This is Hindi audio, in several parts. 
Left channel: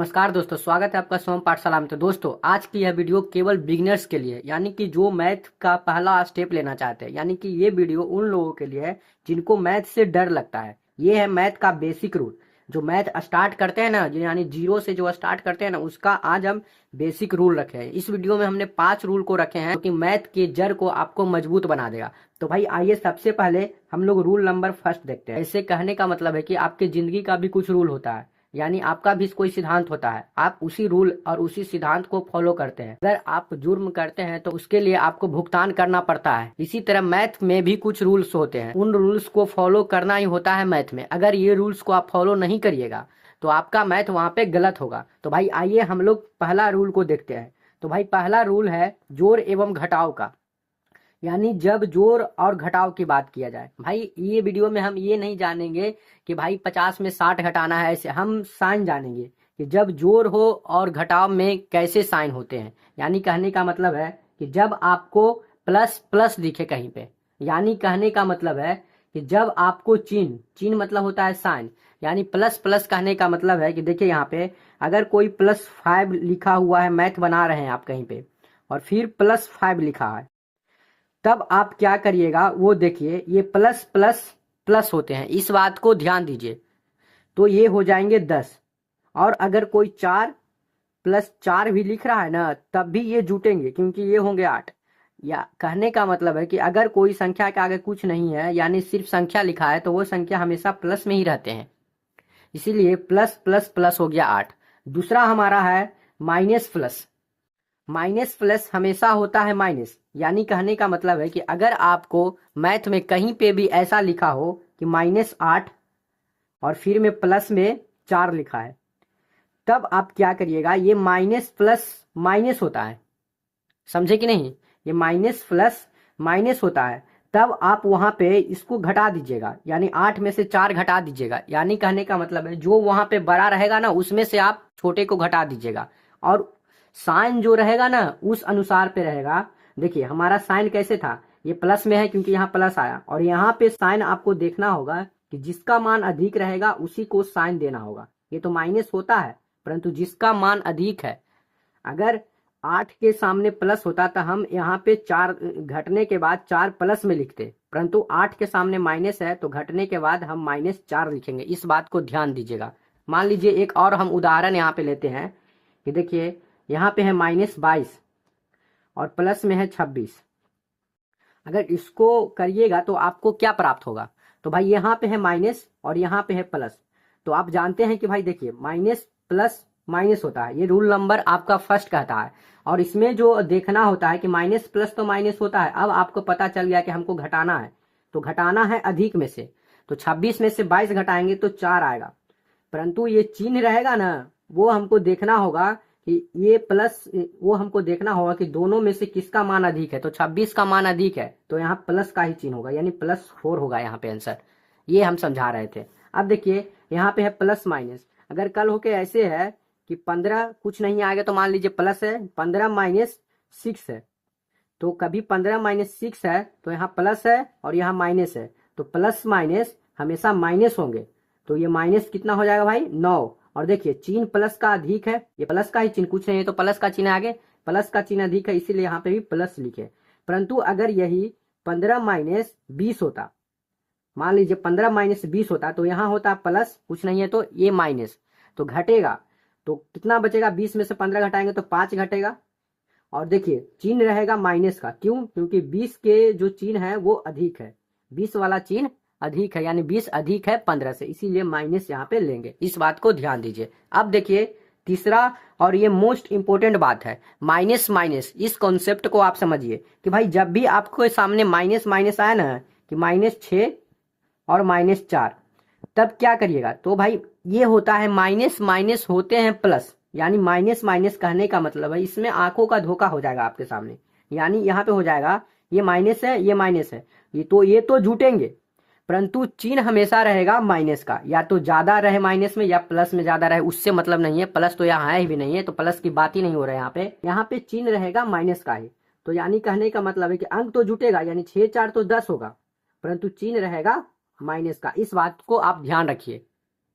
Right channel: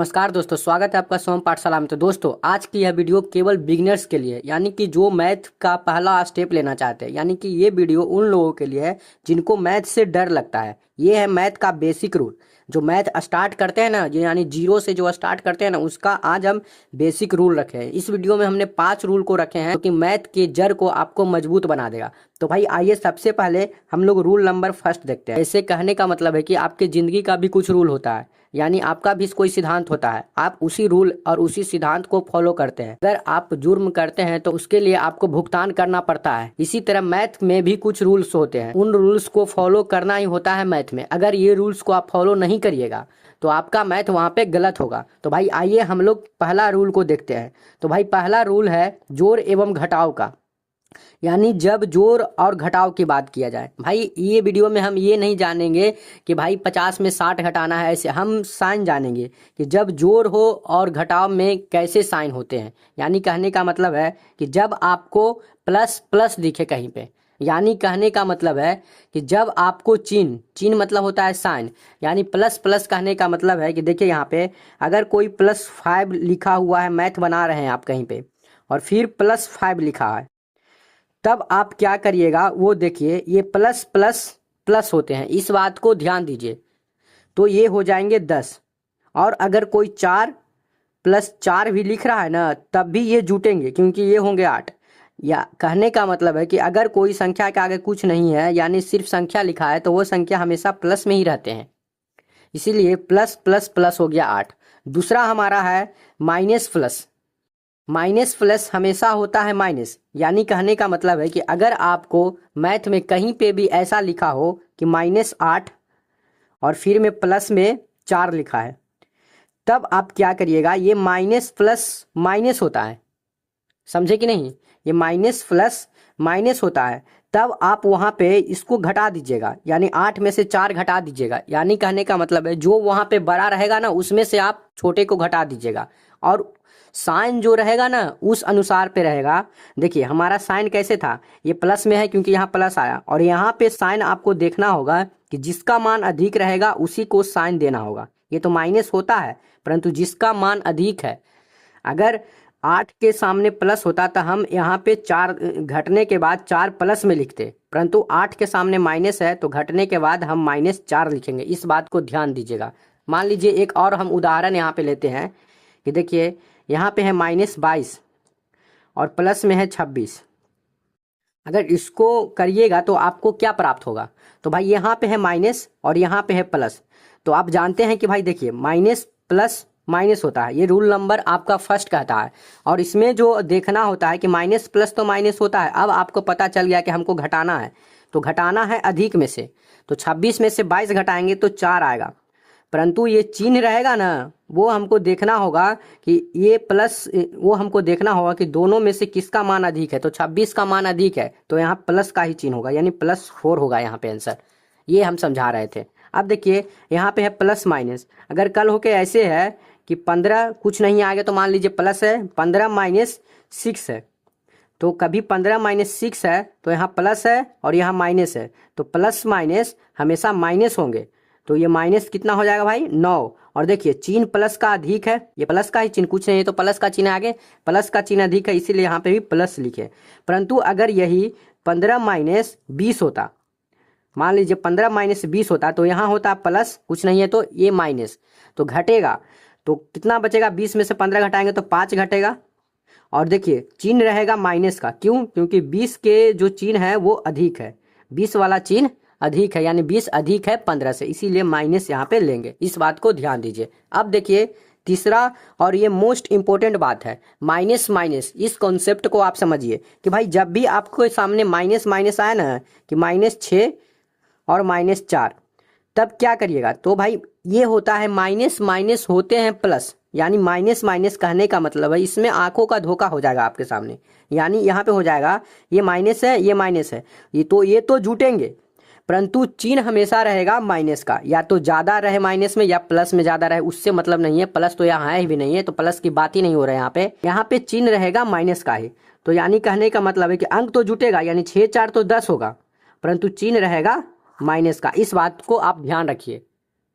नमस्कार दोस्तों, स्वागत है आपका सोम पाठशाला में। तो दोस्तों, आज की यह वीडियो केवल बिगिनर्स के लिए, यानी कि जो मैथ का पहला स्टेप लेना चाहते हैं, यानी कि ये वीडियो उन लोगों के लिए है जिनको मैथ से डर लगता है। ये है मैथ का बेसिक रूल। जो मैथ स्टार्ट करते हैं ना, जो यानी जीरो से जो स्टार्ट करते हैं ना, उसका आज हम बेसिक रूल रखे हैं। इस वीडियो में हमने 5 रूल को रखे हैं, क्योंकि मैथ के जड़ को आपको मजबूत बना देगा। तो भाई आइए, सबसे पहले हम लोग रूल नंबर फर्स्ट देखते हैं। ऐसे कहने का मतलब है कि आपके जिंदगी का भी कुछ रूल होता है, यानी आपका भी कोई सिद्धांत होता है। आप उसी रूल और उसी सिद्धांत को फॉलो करते हैं। अगर आप जुर्म करते हैं तो उसके लिए आपको भुगतान करना पड़ता है। इसी तरह मैथ में भी कुछ रूल्स होते हैं, उन रूल्स को फॉलो करना ही होता है मैथ में। अगर ये रूल्स को आप फॉलो नहीं करिएगा तो आपका मैथ वहाँ पे गलत होगा। तो भाई आइए हम लोग पहला रूल को देखते हैं। तो भाई पहला रूल है जोड़ एवं घटाव का, यानी जब जोड़ और घटाव की बात किया जाए। भाई ये वीडियो में हम ये नहीं जानेंगे कि भाई 50 में 60 घटाना है, ऐसे हम साइन जानेंगे कि जब जोड़ हो और घटाव में कैसे साइन होते हैं। यानी कहने का मतलब है कि जब आपको प्लस प्लस दिखे कहीं पे, यानी कहने का मतलब है कि जब आपको चिन्ह चिन्ह मतलब होता है साइन, यानी प्लस प्लस कहने का मतलब है कि देखिए यहाँ पे अगर कोई +5 लिखा हुआ है, मैथ बना रहे हैं आप कहीं पे और फिर +5 लिखा है, तब आप क्या करिएगा वो देखिए। ये प्लस प्लस प्लस होते हैं, इस बात को ध्यान दीजिए। तो ये हो जाएंगे 10। और अगर कोई 4+4 भी लिख रहा है ना, तब भी ये जुटेंगे, क्योंकि ये होंगे 8। या कहने का मतलब है कि अगर कोई संख्या के आगे कुछ नहीं है, यानी सिर्फ संख्या लिखा है, तो वो संख्या हमेशा प्लस में ही रहते हैं। इसीलिए प्लस प्लस प्लस हो गया 8। दूसरा हमारा है माइनस प्लस। माइनस प्लस हमेशा होता है माइनस, यानी कहने का मतलब है कि अगर आपको मैथ में कहीं पे भी ऐसा लिखा हो कि -8 और फिर में प्लस में 4 लिखा है, तब आप क्या करिएगा, ये माइनस प्लस माइनस होता है, समझे कि नहीं। ये माइनस प्लस माइनस होता है, तब आप वहाँ पे इसको घटा दीजिएगा, यानी 8 में से 4 घटा दीजिएगा। यानी कहने का मतलब है जो वहाँ पे बड़ा रहेगा ना, उसमें से आप छोटे को घटा दीजिएगा, और साइन जो रहेगा ना उस अनुसार पे रहेगा। देखिए हमारा साइन कैसे था, ये प्लस में है क्योंकि यहाँ प्लस आया, और यहाँ पे साइन आपको देखना होगा कि जिसका मान अधिक रहेगा उसी को साइन देना होगा। ये तो माइनस होता है, परंतु जिसका मान अधिक है, अगर 8 के सामने प्लस होता तो हम यहाँ पे 4 घटने के बाद 4 प्लस में लिखते, परंतु 8 के सामने माइनस है तो घटने के बाद हम -4 लिखेंगे। इस बात को ध्यान दीजिएगा। मान लीजिए एक और हम उदाहरण यहाँ पे लेते हैं कि देखिए यहाँ पे है -22 और प्लस में है 26। अगर इसको करिएगा तो आपको क्या प्राप्त होगा, तो भाई यहाँ पे है माइनस और यहाँ पे है प्लस। तो आप जानते हैं कि भाई देखिए माइनस प्लस माइनस होता है, ये रूल नंबर आपका फर्स्ट कहता है। और इसमें जो देखना होता है कि माइनस प्लस तो माइनस होता है। अब आपको पता चल गया कि हमको घटाना है, तो घटाना है अधिक में से, तो 26 में से 22 घटाएंगे तो 4 आएगा। परंतु ये चिन्ह रहेगा ना, वो हमको देखना होगा कि ये प्लस, वो हमको देखना होगा कि दोनों में से किसका मान अधिक है। तो 26 का मान अधिक है तो यहाँ प्लस का ही चिन्ह होगा, यानी +4 होगा यहाँ पे आंसर। ये हम समझा रहे थे। अब देखिए यहाँ पे है प्लस माइनस। अगर कल होके ऐसे है कि 15 कुछ नहीं आ गया, तो मान लीजिए प्लस है, 15 - 6 है, तो कभी 15 - 6 है तो यहाँ प्लस है और यहाँ माइनस है, तो प्लस माइनस हमेशा माइनस होंगे। तो ये माइनस कितना हो जाएगा भाई, 9। और देखिए चिन्ह प्लस का अधिक है, ये प्लस का ही चिन्ह, कुछ नहीं है तो प्लस का चिन्ह आगे, प्लस का चिन्ह अधिक है, इसीलिए यहाँ पे भी प्लस लिखे। परंतु अगर यही 15 - 20 होता, मान लीजिए 15 - 20 होता, तो यहाँ होता प्लस, कुछ नहीं है तो ये माइनस, तो घटेगा तो कितना बचेगा, 20 में से 15 घटाएंगे तो 5 घटेगा। और देखिए चिन्ह रहेगा माइनस का, क्यों, क्योंकि 20 के जो चिन्ह है वो अधिक है, 20 वाला चिन्ह अधिक है, यानी 20 अधिक है 15 से, इसीलिए माइनस यहाँ पे लेंगे। इस बात को ध्यान दीजिए। अब देखिए तीसरा, और ये मोस्ट इंपॉर्टेंट बात है, माइनस माइनस। इस कॉन्सेप्ट को आप समझिए कि भाई जब भी आपको सामने माइनस माइनस आया ना, कि -6 और -4, तब क्या करिएगा, तो भाई ये होता है माइनस माइनस होते हैं प्लस, यानी माइनस माइनस कहने का मतलब है इसमें आंखों का धोखा हो जाएगा आपके सामने। यानी यहाँ पे हो जाएगा ये माइनस है, ये माइनस है, ये तो जुटेंगे, परंतु चिन्ह हमेशा रहेगा माइनस का, या तो ज्यादा रहे माइनस में या प्लस में ज्यादा रहे, उससे मतलब नहीं है। प्लस तो यहाँ है ही भी नहीं है, तो प्लस की बात ही नहीं हो रहा है। यहाँ पे चिन्ह रहेगा माइनस का ही। तो यानी कहने का मतलब है कि अंक तो जुटेगा, यानी 6 4 तो 10 होगा, परंतु चिन्ह रहेगा माइनस का। इस बात को आप ध्यान रखिए,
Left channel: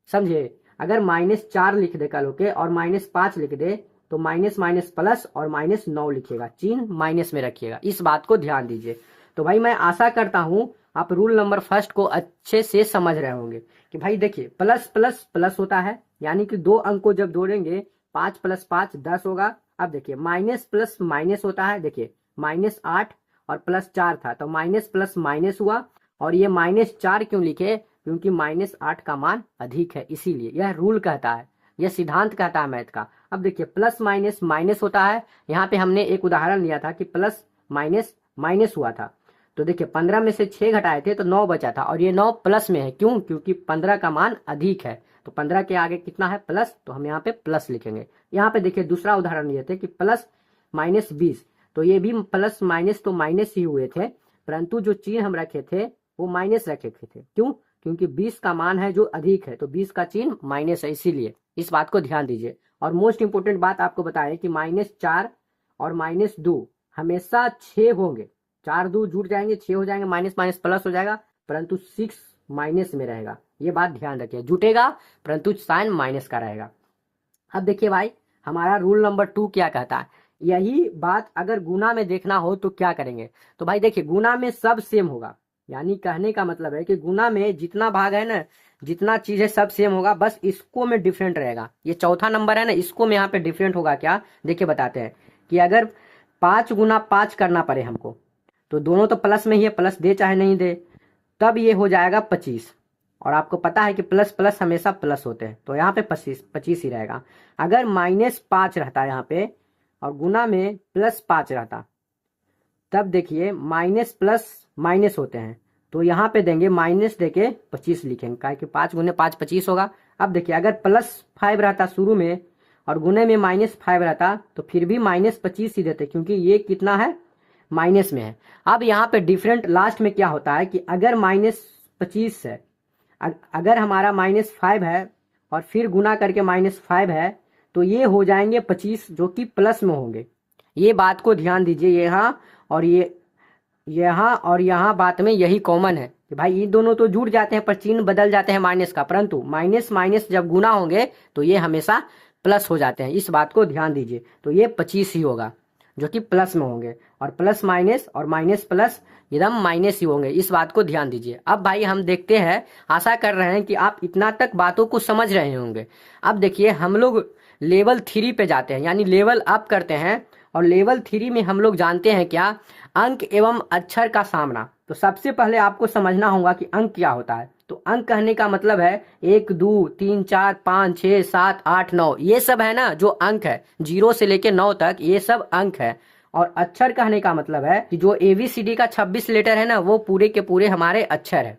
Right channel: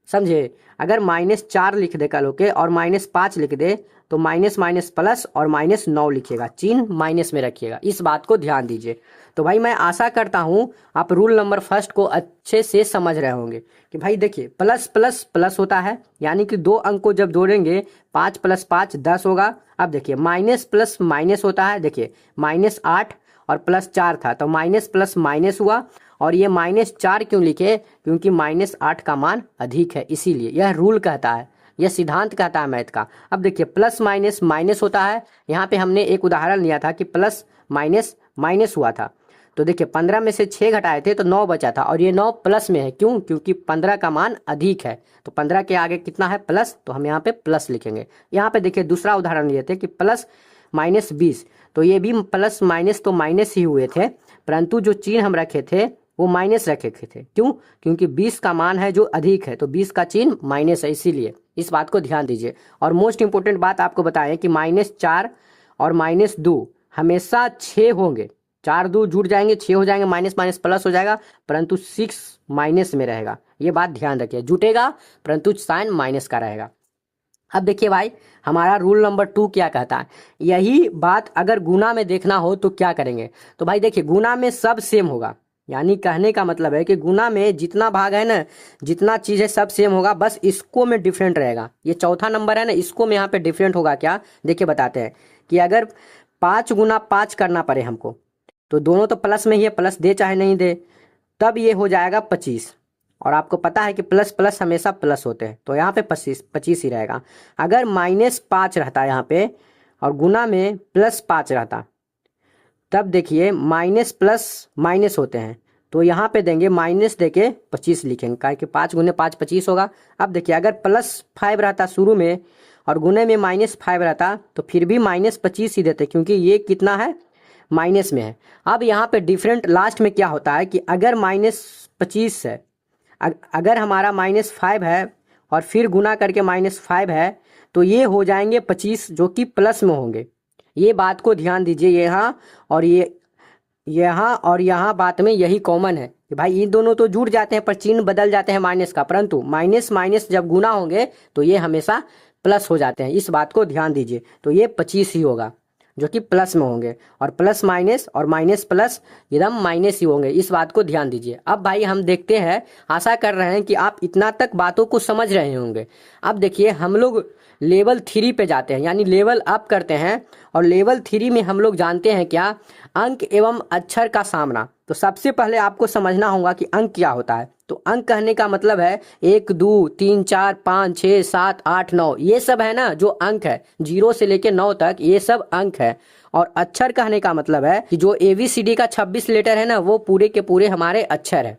समझे। अगर -4 लिख दे कल होके और -5 लिख दे तो माइनस माइनस प्लस और -9 लिखिएगा, चिन्ह माइनस में रखिएगा, इस बात को ध्यान दीजिए। तो भाई मैं आशा करता हूं आप रूल नंबर फर्स्ट को अच्छे से समझ रहे होंगे कि भाई देखिए प्लस प्लस प्लस होता है, यानी कि 2 अंक को जब जोड़ेंगे 5 + 5 10 होगा। अब देखिए माइनस प्लस माइनस होता है, देखिए -8 और +4 था तो माइनस प्लस माइनस हुआ। और ये -4 क्यों लिखे, क्योंकि -8 का मान अधिक है, इसीलिए यह रूल कहता है, यह सिद्धांत कहता है मैथ का। अब देखिए प्लस माइनस माइनस होता है, यहाँ पे हमने एक उदाहरण लिया था कि प्लस माइनस माइनस हुआ था। तो देखिए 15 में से 6 घटाए थे तो 9 बचा था, और ये 9 प्लस में है, क्यों, क्योंकि 15 का मान अधिक है, तो 15 के आगे कितना है प्लस, तो हम यहाँ पे प्लस लिखेंगे। यहाँ पे देखिए दूसरा उदाहरण लिए थे कि प्लस माइनस 20, तो ये भी प्लस माइनस तो माइनस ही हुए थे, परंतु जो चिन्ह हम रखे थे वो माइनस रखे थे, क्यों, क्योंकि 20 का मान है जो अधिक है, तो 20 का चिन्ह माइनस है, इसीलिए इस बात को ध्यान दीजिए। और मोस्ट इंपोर्टेंट बात आपको बताएं कि -4 और -2 हमेशा 6 होंगे, 4 2 जुड़ जाएंगे 6 हो जाएंगे, माइनस माइनस प्लस हो जाएगा, परंतु 6 माइनस में रहेगा, ये बात ध्यान रखिए, जुटेगा परंतु साइन माइनस का रहेगा। अब देखिए भाई हमारा रूल नंबर 2 क्या कहता है, यही बात अगर गुना में देखना हो तो क्या करेंगे। तो भाई देखिए गुना में सब सेम होगा, यानी कहने का मतलब है कि गुना में जितना भाग है ना, जितना चीज है सब सेम होगा, बस इसको में डिफरेंट रहेगा। ये चौथा नंबर है ना, इसको में यहाँ पे डिफरेंट होगा क्या, देखिए बताते हैं कि अगर 5 × 5 करना पड़े हमको, तो दोनों तो प्लस में ही है, प्लस दे चाहे नहीं दे, तब ये हो जाएगा 25। और आपको पता है कि प्लस प्लस हमेशा प्लस होते हैं, तो यहाँ पे 25 ही रहेगा। अगर -5 रहता है यहाँ पे और गुना में +5 रहता, तब देखिए माइनस प्लस माइनस होते हैं, तो यहाँ पे देंगे माइनस देके 25 लिखेंगे, क्या कि 5 × 5 25 होगा। अब देखिए अगर +5 रहता शुरू में और गुने में -5 रहता तो फिर भी -25 ही देते, क्योंकि ये कितना है माइनस में है। अब यहाँ पे डिफरेंट लास्ट में क्या होता है कि अगर -25 है, अगर हमारा -5 है और फिर गुना करके -5 है, तो ये हो जाएंगे 25 जो कि प्लस में होंगे। ये बात को ध्यान दीजिए, यहाँ और यहाँ बात में यही कॉमन है कि भाई ये दोनों तो जुड़ जाते हैं पर चिन्ह बदल जाते हैं माइनस का, परंतु माइनस माइनस जब गुना होंगे तो ये हमेशा प्लस हो जाते हैं, इस बात को ध्यान दीजिए। तो ये 25 ही होगा जो कि प्लस में होंगे, और प्लस माइनस और माइनस प्लस एकदम माइनस ही होंगे, इस बात को ध्यान दीजिए। अब भाई हम देखते हैं, आशा कर रहे हैं कि आप इतना तक बातों को समझ रहे होंगे। अब देखिए हम लोग लेवल 3 पे जाते हैं, यानी लेवल अप करते हैं, और लेवल 3 में हम लोग जानते हैं क्या, अंक एवं अक्षर का सामना। तो सबसे पहले आपको समझना होगा कि अंक क्या होता है। तो अंक कहने का मतलब है 1 2 3 4 5 6 7 8 9, ये सब है ना जो अंक है, 0 से लेके 9 तक ये सब अंक है। और अक्षर कहने का मतलब है कि जो ABCD का 26 लेटर है ना, वो पूरे के पूरे हमारे अक्षर है।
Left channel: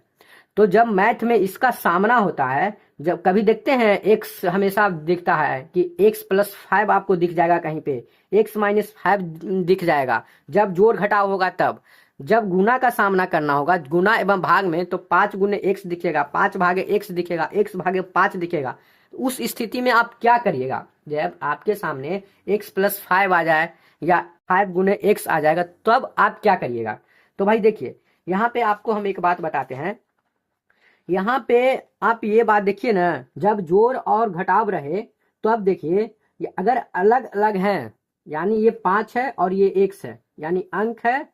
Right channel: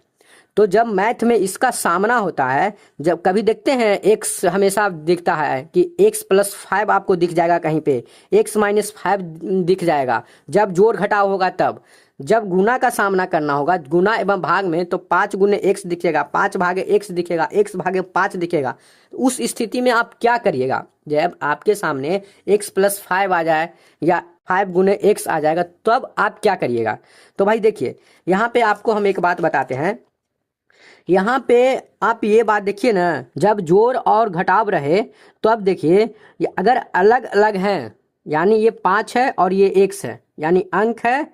तो जब मैथ में इसका सामना होता है, जब कभी देखते हैं x हमेशा दिखता है कि x + 5 आपको दिख जाएगा, कहीं पे x - 5 दिख जाएगा, जब जोड़ घटाव होगा तब। जब गुना का सामना करना होगा, गुना एवं भाग में, तो 5 × x दिखेगा, 5 भागे x दिखेगा, x भागे 5 दिखेगा। उस स्थिति में आप क्या करिएगा, जब आपके सामने x + 5 आ जाए या 5 × x आ जाएगा, तब आप क्या करिएगा। तो भाई देखिए यहाँ पे आपको हम एक बात बताते हैं, यहाँ पे आप ये बात देखिए ना, जब जोड़ और घटाव रहे तो अब देखिए ये अगर अलग अलग हैं, यानी ये 5 है और ये x है, यानी अंक है,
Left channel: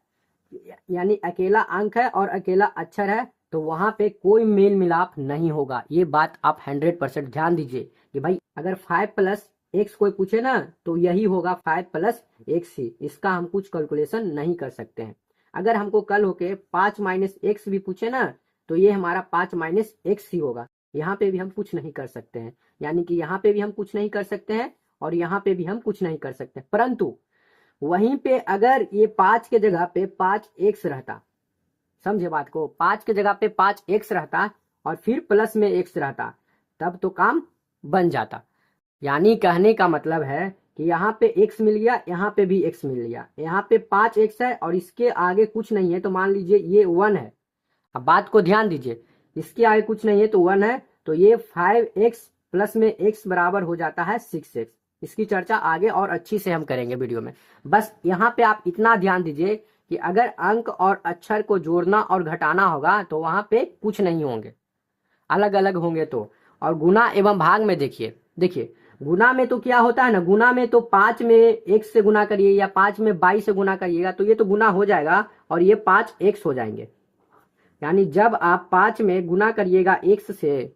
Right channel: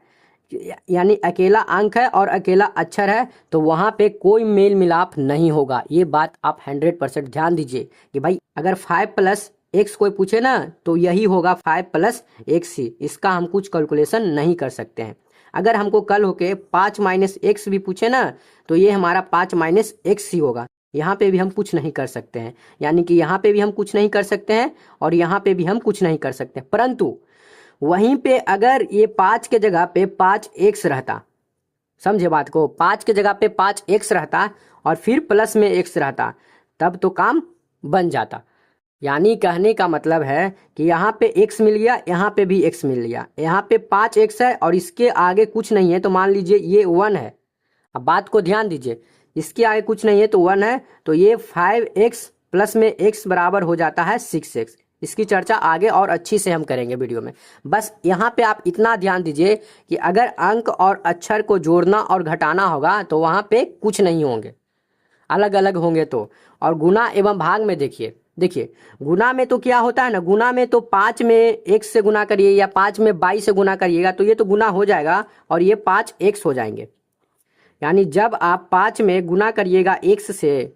यानी अकेला अंक है और अकेला अक्षर है, तो वहां पे कोई मेल मिलाप नहीं होगा। ये बात आप 100% ध्यान दीजिए कि भाई अगर 5 + x कोई पूछे ना, तो यही होगा 5 + x ही, इसका हम कुछ कैलकुलेशन नहीं कर सकते हैं। अगर हमको कल होके 5 - x भी पूछे ना, तो ये हमारा 5 - x ही होगा। यहाँ पे भी हम कुछ नहीं कर सकते हैं, यानी कि यहाँ पे भी हम कुछ नहीं कर सकते हैं और यहाँ पे भी हम कुछ नहीं कर सकते, परंतु वहीं पे अगर ये 5 के जगह पे 5x रहता, समझे बात को, 5 के जगह पे 5x रहता और फिर प्लस में x रहता, तब तो काम बन जाता। यानी कहने का मतलब है कि यहाँ पे x मिल गया, यहाँ पे भी x मिल गया, यहाँ पे 5x है और इसके आगे कुछ नहीं है, तो मान लीजिए ये 1 है। अब बात को ध्यान दीजिए, इसके आगे कुछ नहीं है तो 1 है, तो ये 5x प्लस में x बराबर हो जाता है 6x। इसकी चर्चा आगे और अच्छी से हम करेंगे वीडियो में। बस यहाँ पे आप इतना ध्यान दीजिए कि अगर अंक और अक्षर को जोड़ना और घटाना होगा तो वहाँ पे कुछ नहीं होंगे, अलग अलग होंगे तो। और गुना एवं भाग में देखिए देखिए गुना में तो क्या होता है ना, गुना में तो 5 में x से गुना करिए या 5 में 22 से गुना करिएगा तो ये तो गुना हो जाएगा और ये 5x हो जाएंगे। यानी जब आप 5 में गुना करिएगा x से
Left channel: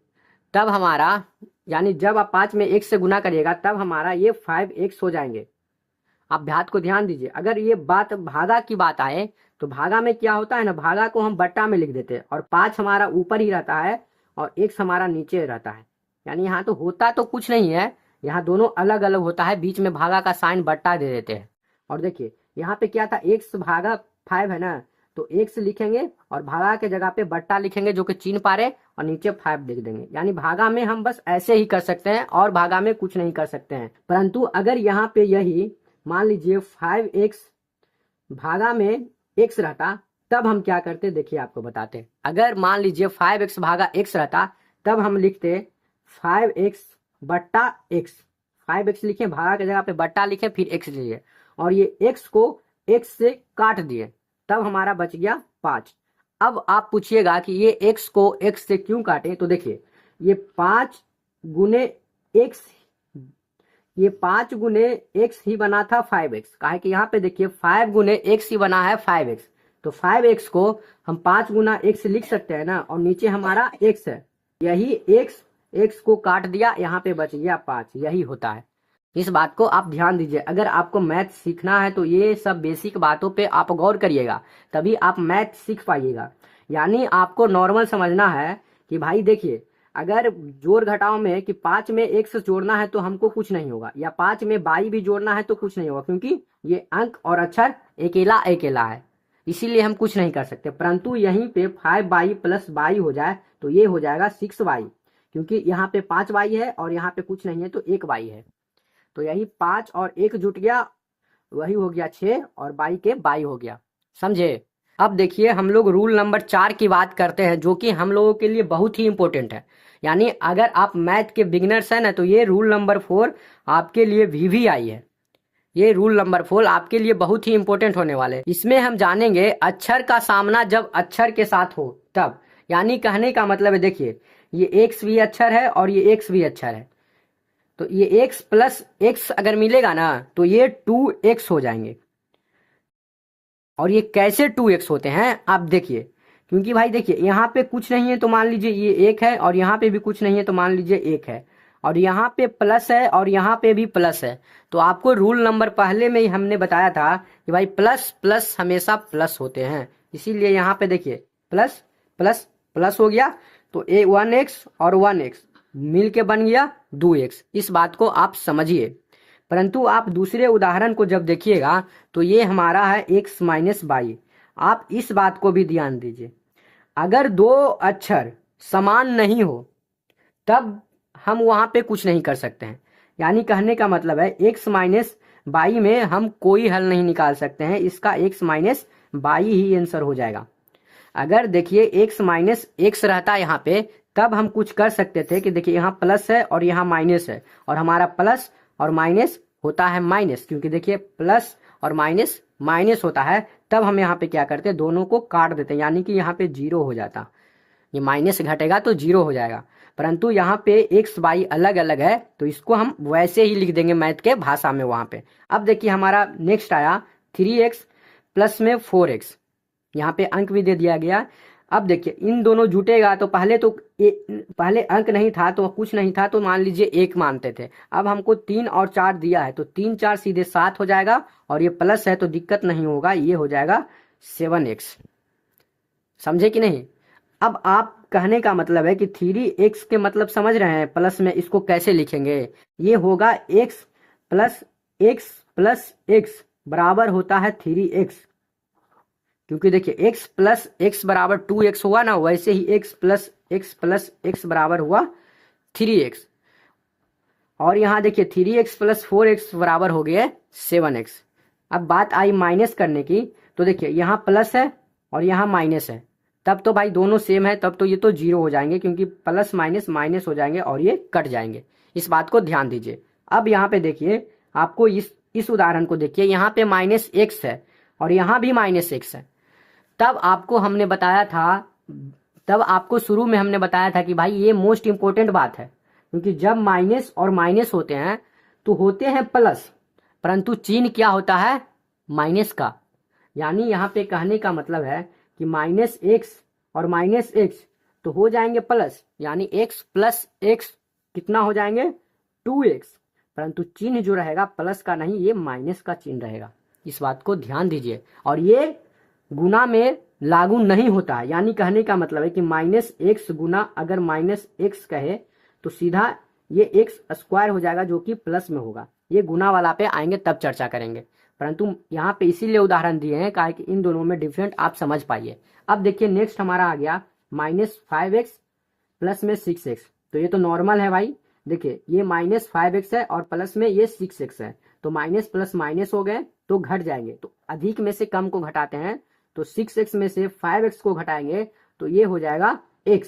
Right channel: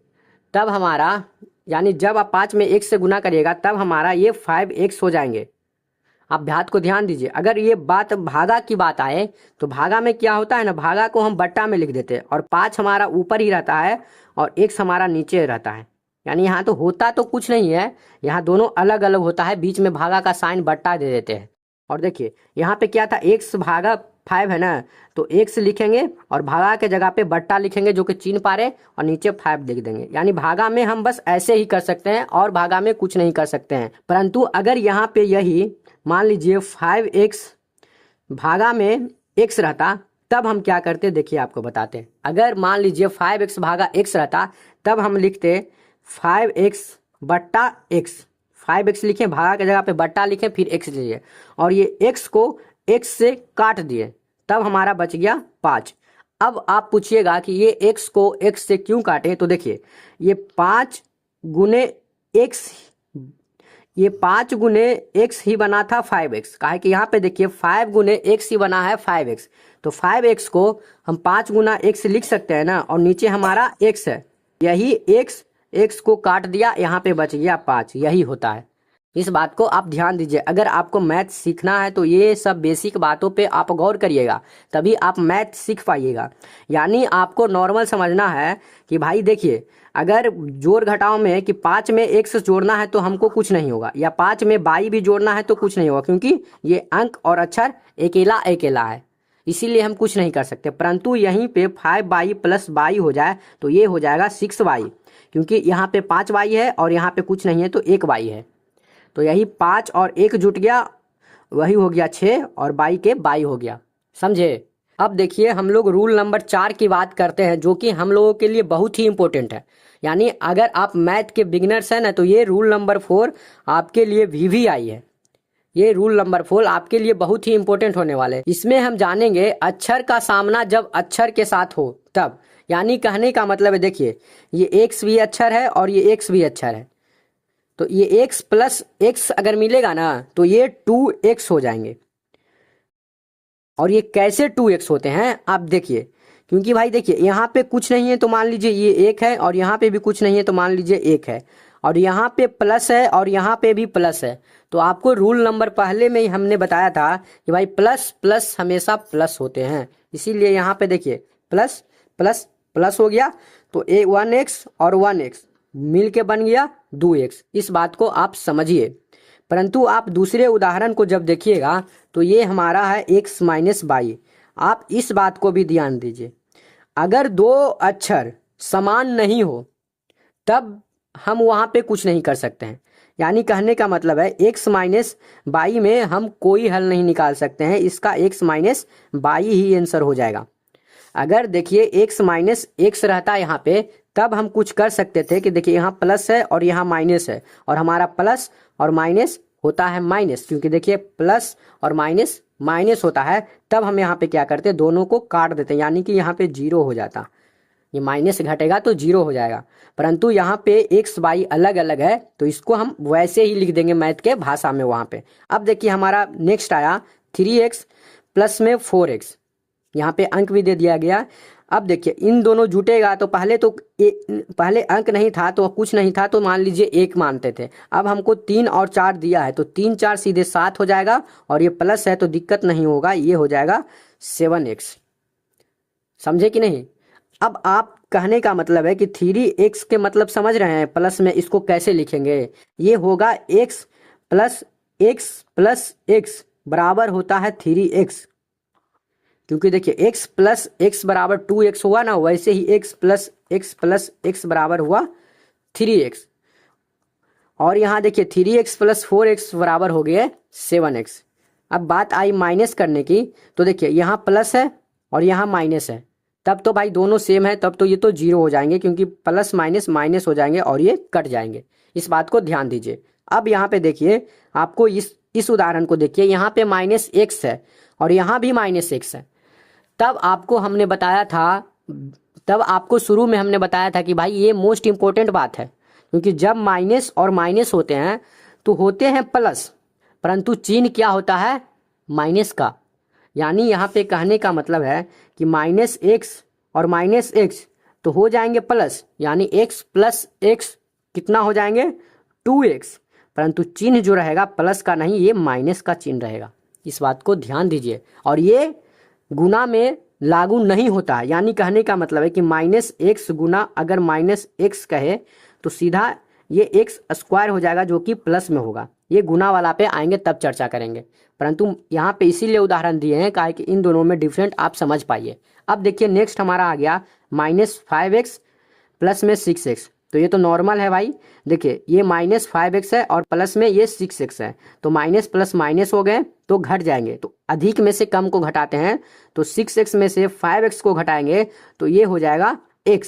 तब हमारा, यानी जब आप 5 में x से गुना करिएगा तब हमारा ये 5x हो जाएंगे। आप बात को ध्यान दीजिए। अगर ये बात भागा की बात आए तो भागा में क्या होता है ना, भागा को हम बट्टा में लिख देते हैं और 5 हमारा ऊपर ही रहता है और x हमारा नीचे रहता है। यानी यहाँ तो होता तो कुछ नहीं है, यहाँ दोनों अलग अलग होता है, बीच में भागा का साइन बट्टा दे देते हैं। और देखिए यहाँ पे क्या था, x भागा 5 है ना, तो x लिखेंगे और भागा के जगह पे बट्टा लिखेंगे जो कि चिन्ह पारे और नीचे 5 लिख देंगे। यानी भागा में हम बस ऐसे ही कर सकते हैं और भागा में कुछ नहीं कर सकते हैं। परंतु अगर यहाँ पे यही मान लीजिए 5x भागा में x रहता तब हम क्या करते, देखिए आपको बताते हैं। अगर मान लीजिए 5x भागा x रहता तब हम लिखते 5x बट्टा x, 5x लिखें, भागा की जगह पे बट्टा लिखें, फिर x लीजिए और ये x को x से काट दिए तब हमारा बच गया 5। अब आप पूछिएगा कि ये x को x से क्यों काटे, तो देखिए ये 5 गुने x, ये 5 गुने x ही बना था 5x, काहे कि यहाँ पे देखिए 5 गुने x ही बना है 5x, तो 5x को हम 5 गुना x लिख सकते हैं ना, और नीचे हमारा x है, यही x को काट दिया, यहाँ पे बच गया 5, यही होता है। इस बात को आप ध्यान दीजिए। अगर आपको मैथ सीखना है तो ये सब बेसिक बातों पे आप गौर करिएगा, तभी आप मैथ सीख पाइएगा। यानी आपको नॉर्मल समझना है कि भाई देखिए, अगर जोड़ घटाव में कि 5 में x जोड़ना है तो हमको कुछ नहीं होगा, या 5 में बाई भी जोड़ना है तो कुछ नहीं होगा, क्योंकि ये अंक और अक्षर अकेला अकेला है, इसीलिए हम कुछ नहीं कर सकते। परंतु यहीं पे 5y प्लस y हो जाए तो ये हो जाएगा 6y, क्योंकि यहाँ पे 5y है और यहाँ पे कुछ नहीं है तो 1y है, तो यही 5 और 1 जुट गया, वही हो गया 6 और बाई के बाई हो गया। समझे? अब देखिए हम लोग रूल नंबर 4 की बात करते हैं, जो कि हम लोगों के लिए बहुत ही इंपॉर्टेंट है। यानी अगर आप मैथ के बिगिनर्स हैं ना, तो ये रूल नंबर 4 आपके लिए VVI है। ये रूल नंबर 4 आपके लिए बहुत ही इंपॉर्टेंट होने वाले। इसमें हम जानेंगे अक्षर का सामना जब अक्षर के साथ हो तब। यानी कहने का मतलब है, देखिए ये x भी अक्षर है और ये x भी अक्षर है, तो ये x प्लस x अगर मिलेगा ना तो ये 2x हो जाएंगे। और ये कैसे 2x होते हैं आप देखिए, क्योंकि भाई देखिए यहाँ पे कुछ नहीं है तो मान लीजिए ये 1 है, और यहाँ पे भी कुछ नहीं है तो मान लीजिए 1 है, और यहाँ पे प्लस है और यहाँ पे भी प्लस है। तो आपको रूल नंबर पहले में ही हमने बताया था कि भाई प्लस प्लस हमेशा प्लस होते हैं, इसीलिए यहाँ पे देखिए प्लस प्लस प्लस हो गया, तो 1x और 1x मिल के बन गया 2x। इस बात को आप समझिए। परंतु आप दूसरे उदाहरण को जब देखिएगा तो ये हमारा है x माइनस y। आप इस बात को भी ध्यान दीजिए, अगर दो अक्षर समान नहीं हो तब हम वहाँ पे कुछ नहीं कर सकते हैं। यानी कहने का मतलब है x माइनस वाई में हम कोई हल नहीं निकाल सकते हैं, इसका x minus why he answer हो जाएगा। अगर देखिए x माइनस x रहता यहाँ पे तब हम कुछ कर सकते थे कि देखिए यहाँ प्लस है और यहाँ माइनस है, और हमारा प्लस और माइनस होता है माइनस, क्योंकि देखिए प्लस और माइनस माइनस होता है, तब हम यहाँ पे क्या करते हैं, दोनों को काट देते हैं, यानी कि यहाँ पे 0 हो जाता। ये माइनस घटेगा तो 0 हो जाएगा। परंतु यहाँ पे x y अलग अलग है तो इसको हम वैसे ही लिख देंगे मैथ के भाषा में वहाँ पे। अब देखिए हमारा नेक्स्ट आया 3x प्लस में 4x, यहाँ पे अंक भी दे दिया गया। अब देखिए इन दोनों जुटेगा तो पहले अंक नहीं था तो कुछ नहीं था, तो मान लीजिए 1 मानते थे। अब हमको 3 और 4 दिया है तो 3 4 सीधे 7 हो जाएगा, और ये प्लस है तो दिक्कत नहीं होगा, ये हो जाएगा 7x। समझे कि नहीं? अब आप कहने का मतलब है कि 3x के मतलब समझ रहे हैं, प्लस में इसको कैसे लिखेंगे, ये होगा x प्लस x बराबर होता है 3x, क्योंकि देखिए x प्लस x बराबर 2x हुआ ना, वैसे ही x प्लस x बराबर हुआ 3x। और यहाँ देखिए 3x प्लस 4x बराबर हो गया 7x। अब बात आई माइनस करने की, तो देखिए यहाँ प्लस है और यहाँ माइनस है, तब तो भाई दोनों सेम है, तब तो ये तो 0 हो जाएंगे, क्योंकि प्लस माइनस माइनस हो जाएंगे और ये कट जाएंगे। इस बात को ध्यान दीजिए। अब यहाँ पे देखिए आपको इस उदाहरण को देखिए, यहाँ पे माइनस x है और यहाँ भी माइनस x है। तब आपको शुरू में हमने बताया था कि भाई ये मोस्ट इंपॉर्टेंट बात है, क्योंकि जब माइनस और माइनस होते हैं तो होते हैं प्लस, परंतु चिन्ह क्या होता है, माइनस का। यानी यहाँ पे कहने का मतलब है कि माइनस एक्स और माइनस एक्स तो हो जाएंगे प्लस, यानी एक्स प्लस एक्स कितना हो जाएंगे, 2x, परंतु चिन्ह जो रहेगा प्लस का नहीं, ये माइनस का चिन्ह रहेगा। इस बात को ध्यान दीजिए। और ये गुना में लागू नहीं होता है, यानी कहने का मतलब है कि माइनस एक्स गुना अगर माइनस एक्स कहे तो सीधा ये एक्स स्क्वायर हो जाएगा जो कि प्लस में होगा। ये गुना वाला पे आएंगे तब चर्चा करेंगे, परंतु यहाँ पे इसीलिए उदाहरण दिए हैं काहे कि इन दोनों में डिफरेंट आप समझ पाइए। अब देखिए नेक्स्ट हमारा आ गया -5x प्लस में 6x। तो ये तो नॉर्मल है भाई। देखिए ये -5x है और प्लस में ये 6x है, तो माइनस प्लस माइनस हो गए तो घट जाएंगे, तो अधिक में से कम को घटाते हैं, तो 6x में से 5x को घटाएंगे तो ये हो जाएगा x,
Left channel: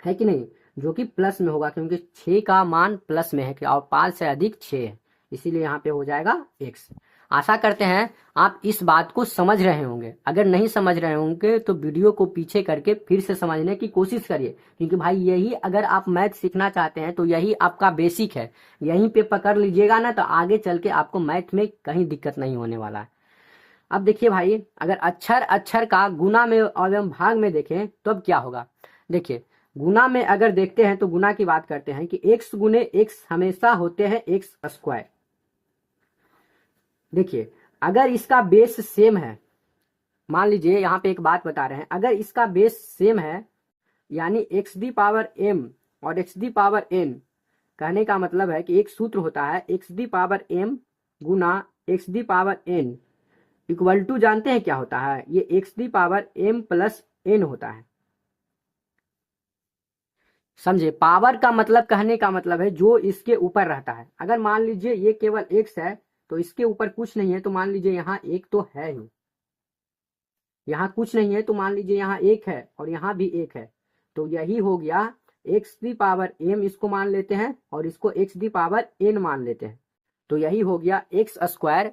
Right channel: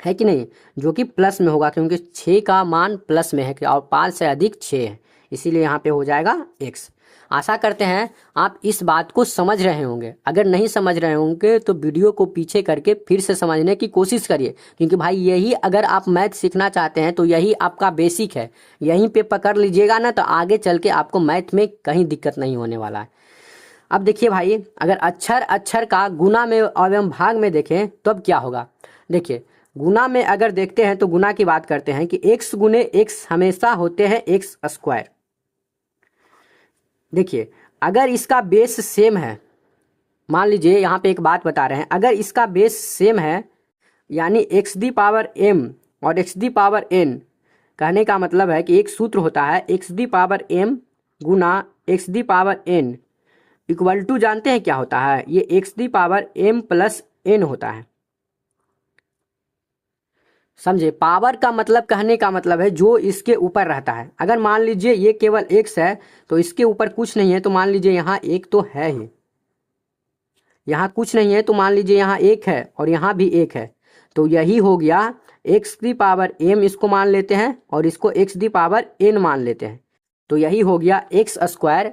है कि नहीं, जो कि प्लस में होगा क्योंकि 6 का मान प्लस में है और 5 से अधिक 6 है, इसीलिए यहाँ पे हो जाएगा x। आशा करते हैं आप इस बात को समझ रहे होंगे। अगर नहीं समझ रहे होंगे तो वीडियो को पीछे करके फिर से समझने की कोशिश करिए, क्योंकि भाई यही अगर आप मैथ सीखना चाहते हैं तो यही आपका बेसिक है। यहीं पे पकड़ लीजिएगा ना तो आगे चल के आपको मैथ में कहीं दिक्कत नहीं होने वाला है। अब देखिए भाई, अगर अक्षर अक्षर का गुना में एवं भाग में देखें तो अब क्या होगा। देखिए गुना में अगर देखते हैं तो गुना की बात करते हैं कि x गुने x हमेशा होते हैं x स्क्वायर। देखिए अगर इसका बेस सेम है, मान लीजिए यहाँ पे एक बात बता रहे हैं, अगर इसका बेस सेम है यानी x दी पावर m और x दी पावर n, कहने का मतलब है कि एक सूत्र होता है x दी पावर m गुना x the power n equal to, जानते हैं क्या होता है, ये x the power m plus n होता है। समझे, पावर का मतलब कहने का मतलब है जो इसके ऊपर रहता है। अगर मान लीजिए ये केवल x है तो इसके ऊपर कुछ नहीं है, तो मान लीजिए यहाँ एक तो है ही, यहाँ कुछ नहीं है तो मान लीजिए यहाँ एक है और यहाँ भी एक है, तो यही हो गया x दी पावर m, इसको मान लेते हैं और इसको x दी पावर n मान लेते हैं, तो यही हो गया x स्क्वायर।